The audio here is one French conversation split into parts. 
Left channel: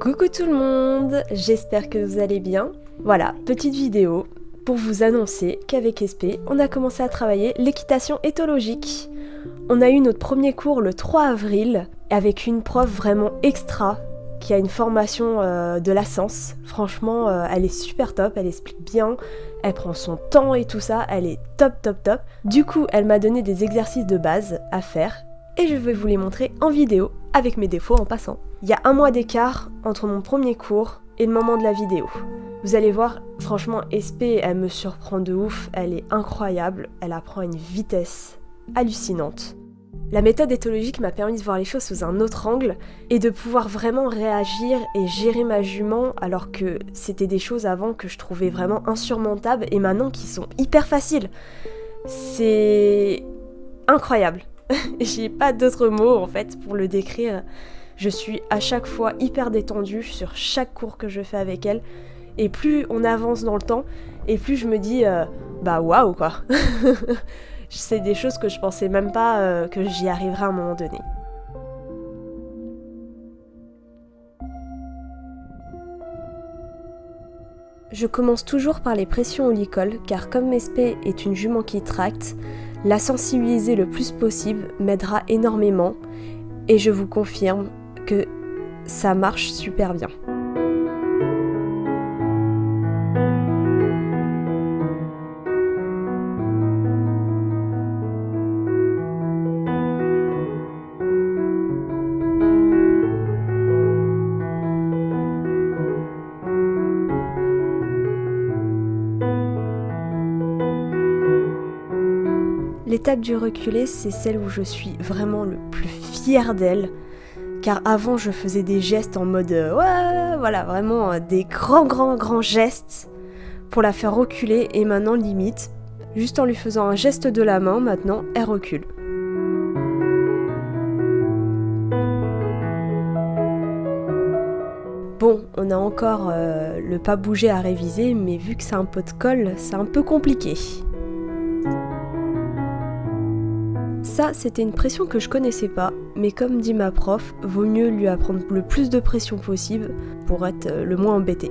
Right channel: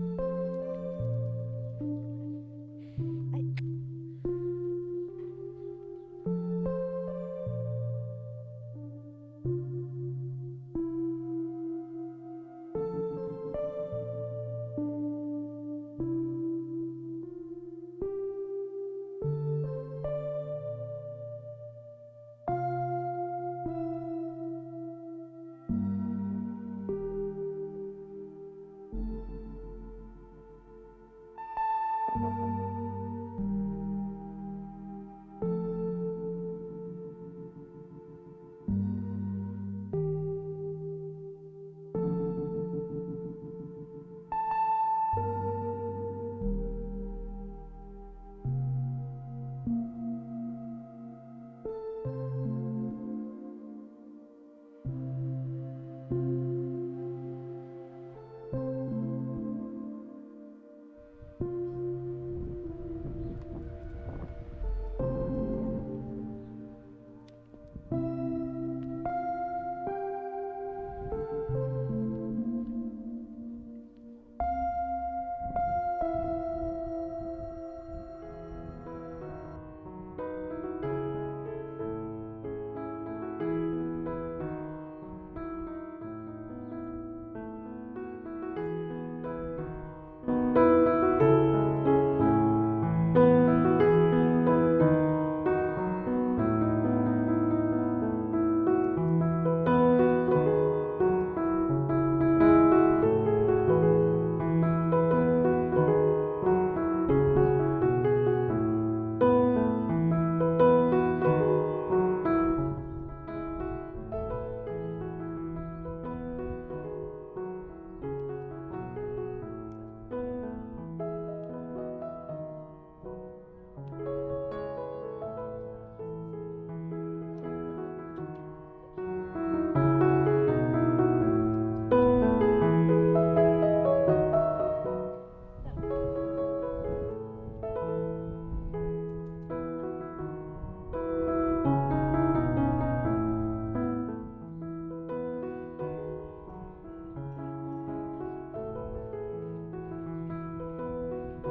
Coucou tout le monde, j'espère que vous allez bien. Voilà, petite vidéo pour vous annoncer qu'avec SP, on a commencé à travailler l'équitation éthologique. On a eu notre premier cours le 3 avril avec une prof vraiment extra qui a une formation de la science. Franchement, elle est super top, elle explique bien, elle prend son temps et tout ça, elle est top. Du coup, elle m'a donné des exercices de base à faire et je vais vous les montrer en vidéo avec mes défauts en passant. Il y a un mois d'écart entre mon premier cours et le moment de la vidéo. Vous allez voir, franchement, SP, elle me surprend de ouf, elle est incroyable, elle apprend à une vitesse hallucinante. La méthode éthologique m'a permis de voir les choses sous un autre angle et de pouvoir vraiment réagir et gérer ma jument alors que c'était des choses avant que je trouvais vraiment insurmontables et maintenant qui sont hyper faciles. C'est incroyable. J'ai pas d'autres mots en fait pour le décrire. Je suis à chaque fois hyper détendue sur chaque cours que je fais avec elle. Et plus on avance dans le temps, et plus je me dis bah waouh quoi. C'est des choses que je pensais même pas que j'y arriverais à un moment donné. Je commence toujours par les pressions au licol, car comme SP est une jument qui tracte, la sensibiliser le plus possible m'aidera énormément, et je vous confirme que ça marche super bien. L'étape du reculé, c'est celle où je suis vraiment le plus fière d'elle, car avant je faisais des gestes en mode ouais, voilà, vraiment des grands gestes pour la faire reculer, et maintenant limite, juste en lui faisant un geste de la main, maintenant elle recule. Bon, on a encore le pas bouger à réviser, mais vu que c'est un pot de colle, c'est un peu compliqué. Ça, c'était une pression que je connaissais pas, mais comme dit ma prof, vaut mieux lui apprendre le plus de pression possible pour être le moins embêté.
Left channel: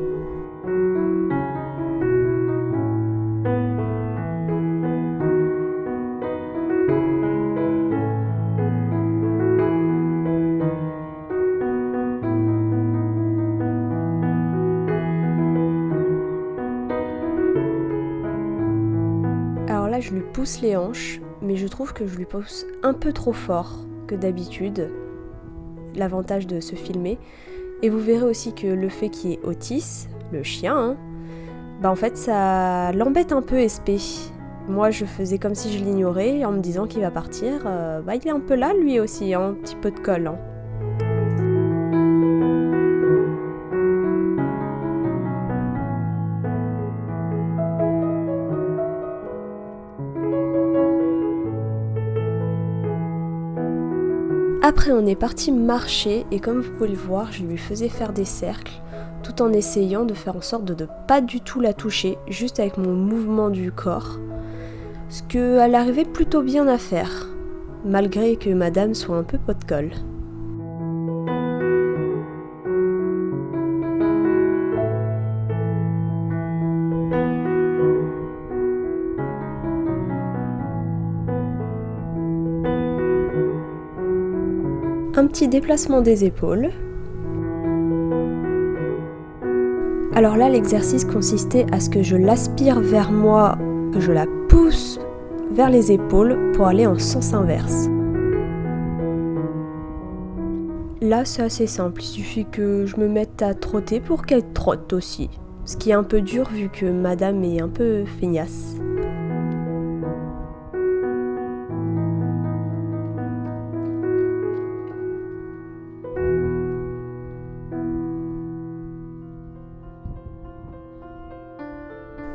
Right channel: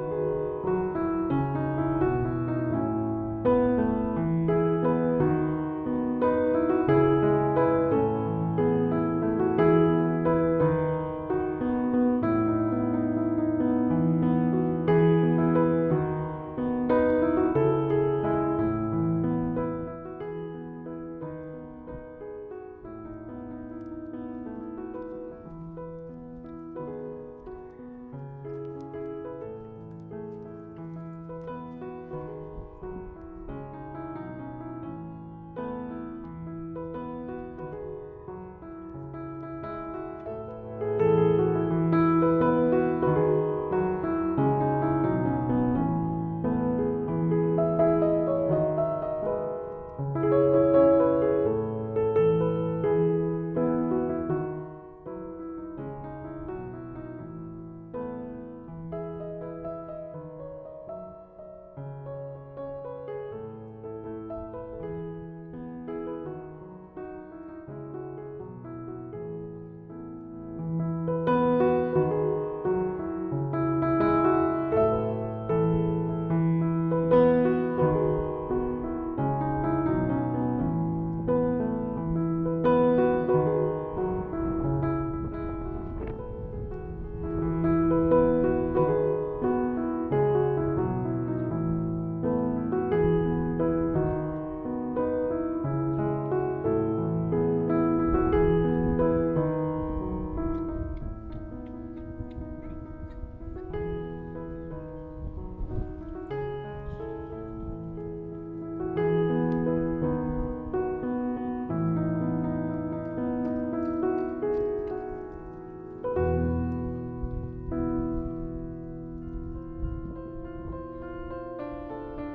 Alors là, je lui pousse les hanches, mais je trouve que je lui pousse un peu trop fort que d'habitude. L'avantage de se filmer. Et vous verrez aussi que le fait qu'il y ait Otis, le chien, bah en fait ça l'embête un peu SP. Moi je faisais comme si je l'ignorais en me disant qu'il va partir. Bah il est un peu là lui aussi, un petit peu de colle. Après on est parti marcher et comme vous pouvez le voir, je lui faisais faire des cercles tout en essayant de faire en sorte de ne pas du tout la toucher, juste avec mon mouvement du corps. Ce qu'elle arrivait plutôt bien à faire, malgré que madame soit un peu pot de colle. Un petit déplacement des épaules. Alors là, l'exercice consistait à ce que je l'aspire vers moi, que je la pousse vers les épaules pour aller en sens inverse. Là, c'est assez simple, il suffit que je me mette à trotter pour qu'elle trotte aussi. Ce qui est un peu dur vu que madame est un peu feignasse.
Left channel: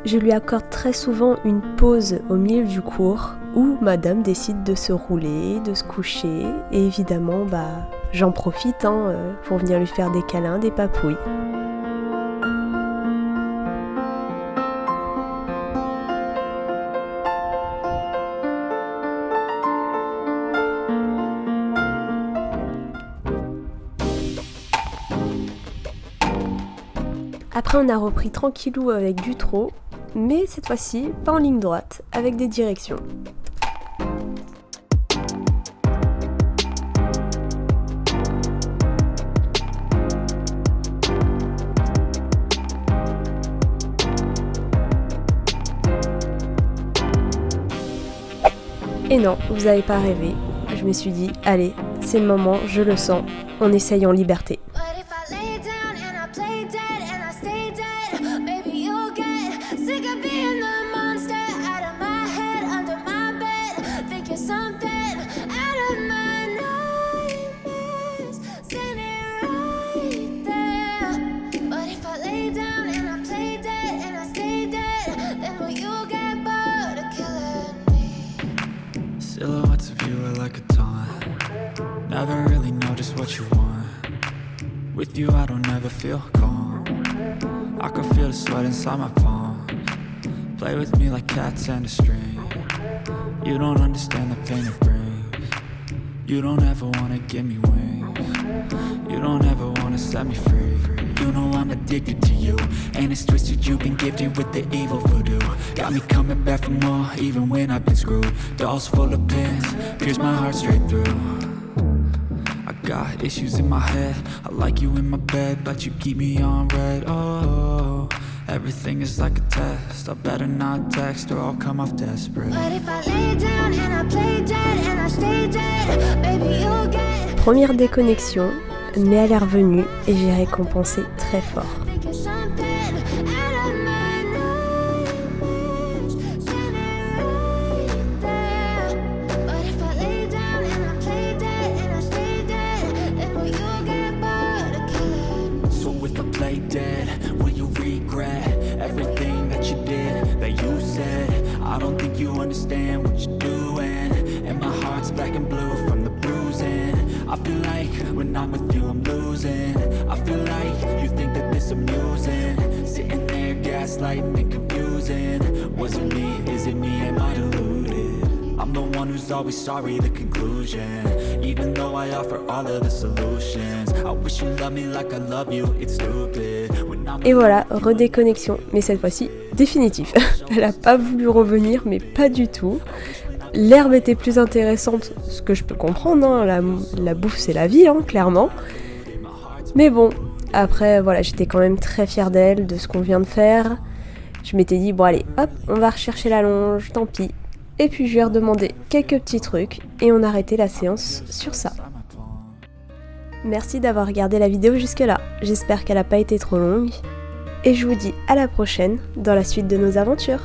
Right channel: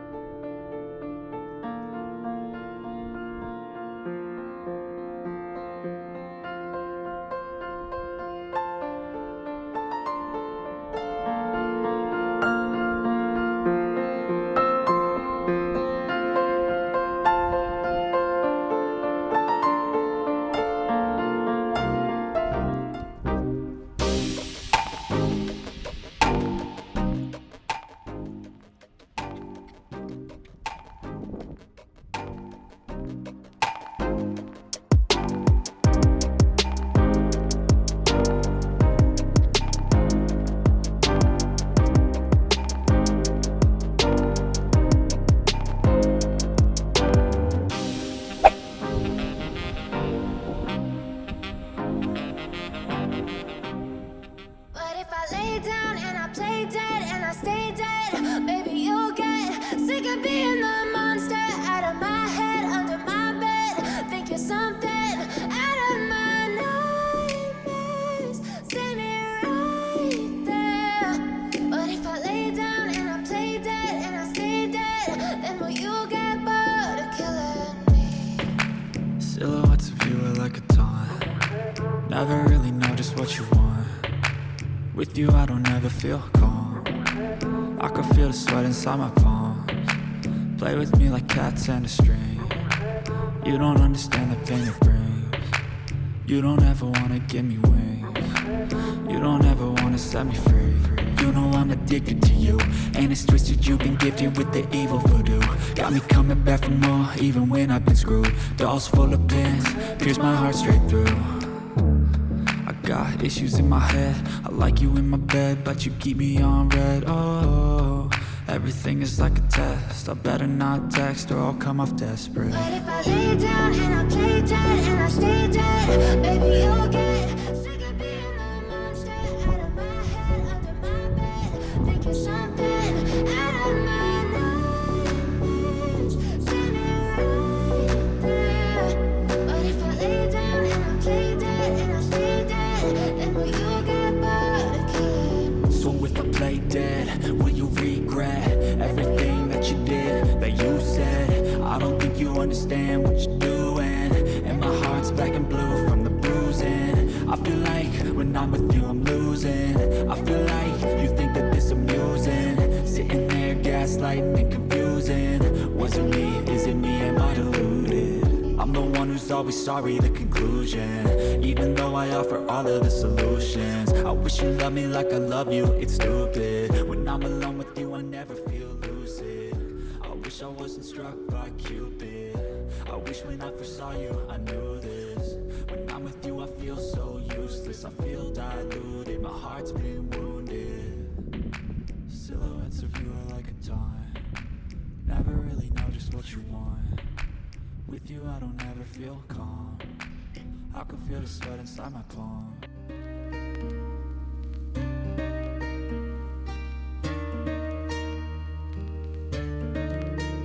Je lui accorde très souvent une pause au milieu du cours où madame décide de se rouler, de se coucher, et évidemment j'en profite pour venir lui faire des câlins, des papouilles. Après on a repris tranquillou avec du trot, mais cette fois-ci pas en ligne droite, avec des directions. Et non, vous n'avez pas rêvé. Je me suis dit, allez, c'est le moment, je le sens, on essaye en liberté. Silhouettes of you are like a taunt. Never really know just what you want. With you I don't ever feel calm. I can feel the sweat inside my palms. Play with me like cats and a string. You don't understand the pain it brings. You don't ever wanna give me wings. You don't ever wanna set me free. You know I'm addicted to you, and it's twisted, you've been gifted with the evil voodoo. Got me coming back for more, even when I've been screwed. Dolls full of pins, pierce my heart straight through. I got issues in my head, I like you in my bed, but you keep me on red. Oh, everything is like a test, I better not text or I'll come off desperate. But if I lay down and I play dead and I stay dead, baby you'll get. Première déconnexion, mais elle est revenue et j'ai récompensé très fort. So if I play dead, will you regret everything that you did, that you said? I don't think you understand what you're doing, and my heart's black and blue from the bruising. I feel like when I'm with you I'm losing. I feel like you think that this amusing. Sitting there gaslighting and confusing. Was it me? Is it me? Am I deluded? I'm the one who's always sorry, the conclusion. Even though I offer all of the solutions. I wish you loved me like I love you, it's stupid. Et voilà, redéconnexion, mais cette fois-ci définitif. Elle a pas voulu revenir, mais pas du tout. L'herbe était plus intéressante, ce que je peux comprendre, hein. La bouffe c'est la vie, hein, clairement. Mais bon, après voilà, j'étais quand même très fière d'elle, de ce qu'on vient de faire. Je m'étais dit, bon allez, hop, on va rechercher la longe, tant pis. Et puis je lui ai redemandé quelques petits trucs et on a arrêté la séance sur ça. Merci d'avoir regardé la vidéo jusque là, j'espère qu'elle n'a pas été trop longue. Et je vous dis à la prochaine dans la suite de nos aventures.